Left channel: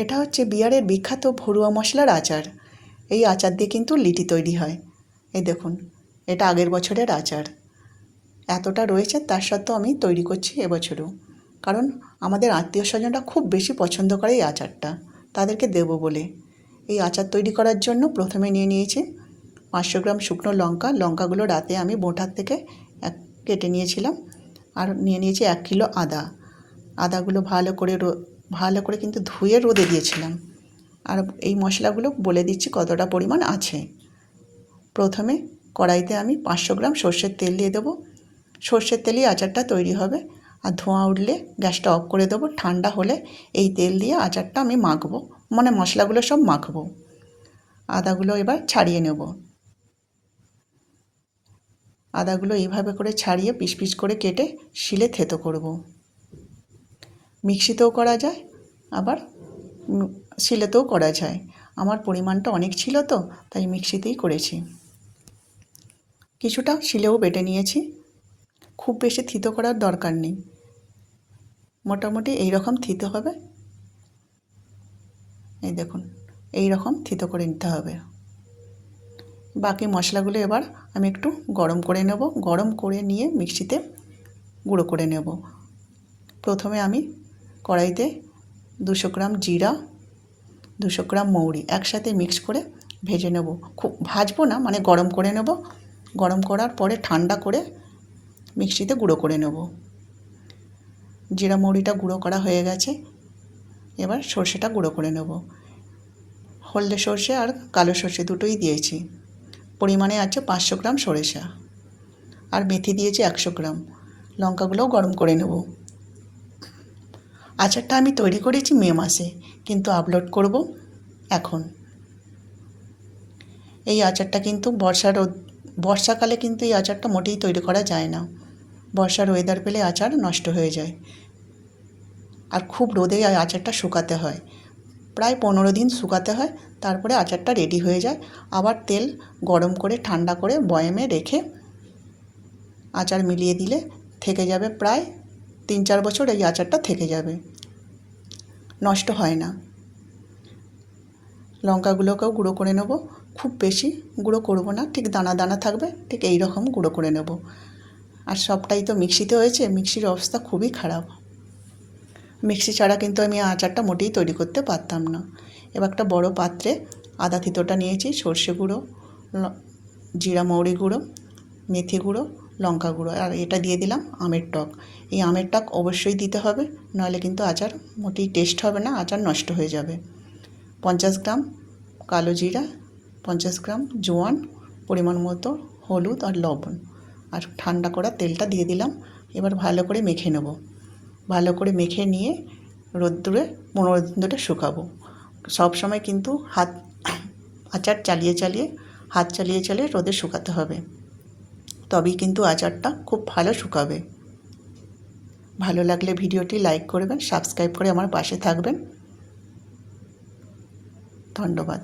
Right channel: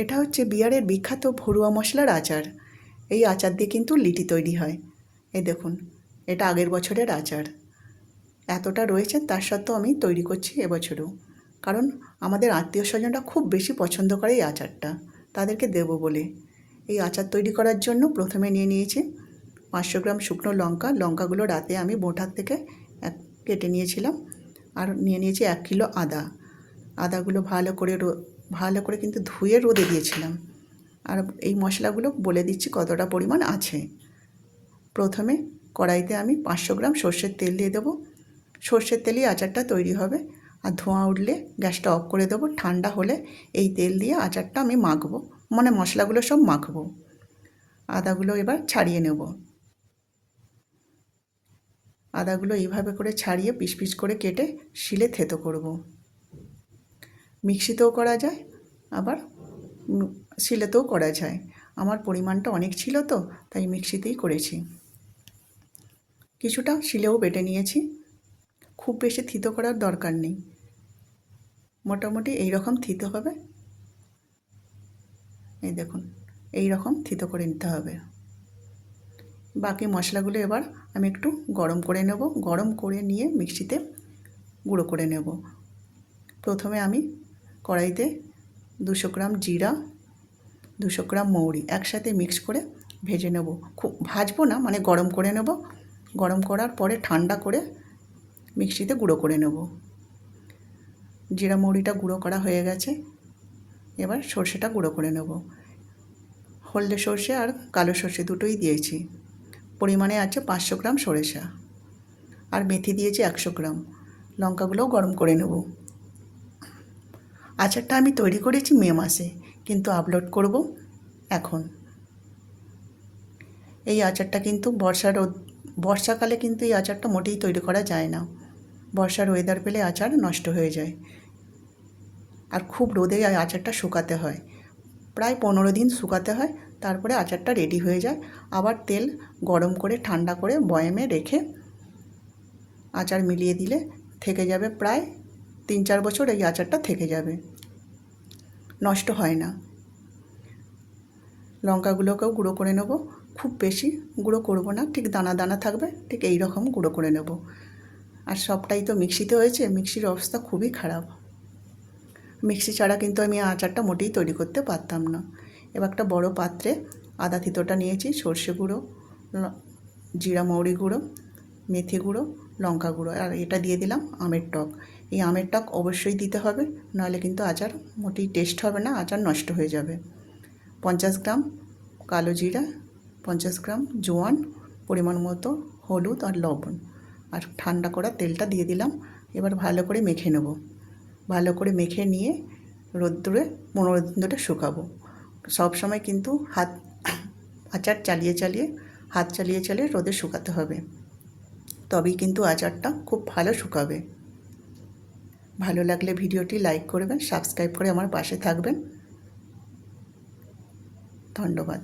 এটা হচ্ছে বিহারের বিখ্যাত ভরুয়া মশলার আচার। এই আচার দিয়ে কিন্তু লিটি তৈরি হয়। এই দেখুন, এটা আগের বছরের আচার। এতটা রয়েছে, তার সত্ত্বেও আমি তৈরি করছি এবছরও। কারণ আমাদের আত্মীয় স্বজনরা খুব বেশি পছন্দ করে এই আচারটা। তাদেরকে দেবো বলে। এই আচার তৈরি করার জন্য প্রথমে নিয়ে নিয়েছি পাঁচশো গ্রাম শুকনো লঙ্কা। লঙ্কাগুলো রাতে আমি বোঁটার থেকে এক কেটে নিয়েছিলাম। আর নিয়ে নিয়েছি এক কিলো আদা। আদাগুলো ভালো করে ভালো করে কিন্তু ধুয়ে রোদে দিয়েছিলাম। আর এই মশলাগুলো বলে দিচ্ছি কতটা পরিমাণ আছে। প্রথমে কড়াইতে আমি পাঁচশো গ্রাম সর্ষের তেল দিয়ে দেবো। সর্ষের তেলেই আচারটা তৈরি হবে। আর ধোঁয়া উঠলে গ্যাসটা অফ করে দেবো। ঠান্ডা হলে এই তেল দিয়ে আচারটা আমি মাখবো। মানে মশলাগুলো সব মাখবো। আদাগুলো এবার ছাড়িয়ে নেব। আদাগুলো এইভাবে করে ছাড়িয়ে পিস পিস করে কেটে শিলে থেতো করব। মিক্সিতেও করা যায়। আবার শিলেতেও করা যায়। আমার পরিমাণটা অনেক ছিল তো, তাই মিক্সিতেই করেছি। কিছুটা শিলেও বেটে নিয়েছি। খুব বেশি থিতো করার দরকার নেই। মোটামুটি এই রকম থিতো হবে। এই দেখুন এই রকম থিতো করে নিতে হবে। বাকি মশলাগুলো এবার আমি একটু গরম করে নেব। গরম করে নিয়ে মিক্সিতে গুঁড়ো করে নেব। প্রথমে আমি কড়াইতে দুশো গ্রাম জিরা, দুশো গ্রাম মৌরি একসাথে মিক্স করে ভেজে নেব। খুব ভাজবো না মানে গরম করে নেব। গরম করার পরে ঠান্ডা করে মিক্সিতে গুঁড়ো করে নেব। জিরা মৌরিটা গুঁড়ো করা হয়ে গেছে। এবার সর্ষেটা গুঁড়ো করে নেব। হলদে সর্ষে আর কালো সর্ষে দুটোই দিয়েছি। পরিমাণে আছে পাঁচশো গ্রাম সরিষা। আর মেথি দিয়েছি একশো গ্রাম। লঙ্কাগুলোও গরম করে নেব। আচারটা আমি তৈরি করেছি মে মাসে, কিন্তু আপলোড করব এখন। এই আচারটা কিন্তু বর্ষার বর্ষাকালে কিন্তু এই আচারটা মোটেই তৈরি করা যায় না। বর্ষার ওয়েদার পেলে আচার নষ্ট হয়ে যায়। আর খুব রোদে আচারটা শুকাতে হয়। প্রায় পনেরো দিন শুকাতে হয়, তারপরে আচারটা রেডি হয়ে যায়। আবার তেল গরম করে, ঠান্ডা করে, বয়ামে রেখে আচার মিলিয়ে দিলে থেকে যাবে প্রায় তিন চার বছর এই আচারটা থেকে যাবে। নষ্ট হয় না। লঙ্কাগুলোকেও গুঁড়ো করে নেব। খুব বেশি গুঁড়ো করব না। ঠিক দানা দানা থাকবে। ঠিক এই রকম গুঁড়ো করে নেব। আর সবটাই তো মিক্সিতে হয়েছে। মিক্সির অবস্থা খুবই খারাপ। মিক্সি ছাড়া কিন্তু আমি আচারটা মোটেই তৈরি করতে পারতাম না। এবার একটা বড় পাত্রে আদা থিতোটা নিয়েছি, সর্ষে গুঁড়ো জিরা মৌরি গুঁড়ো, মেথি গুঁড়ো লঙ্কা গুঁড়ো, আর এটা দিয়ে দিলাম আমের টক। এই আমের টক অবশ্যই দিতে হবে, নাহলে কিন্তু আচার মোটেই টেস্ট হবে না, আচার নষ্ট হয়ে যাবে। পঞ্চাশ গ্রাম কালো জিরা, পঞ্চাশ গ্রাম জোয়ান, পরিমাণ মতো হলুদ আর লবণ। আর ঠান্ডা করা তেলটা দিয়ে দিলাম, এবার ভালো করে মেখে নেব। ভালো করে মেখে নিয়ে রোদ্দুরে ধরে শুকাবো। সব সময় কিন্তু হাত, আচার চালিয়ে চালিয়ে, হাত চালিয়ে চালিয়ে রোদে শুকাতে হবে। তবেই কিন্তু আচারটা খুব ভালো শুকাবে। ভালো লাগলে ভিডিওটি লাইক করবেন, সাবস্ক্রাইব করে আমার পাশে থাকবেন। ধন্যবাদ।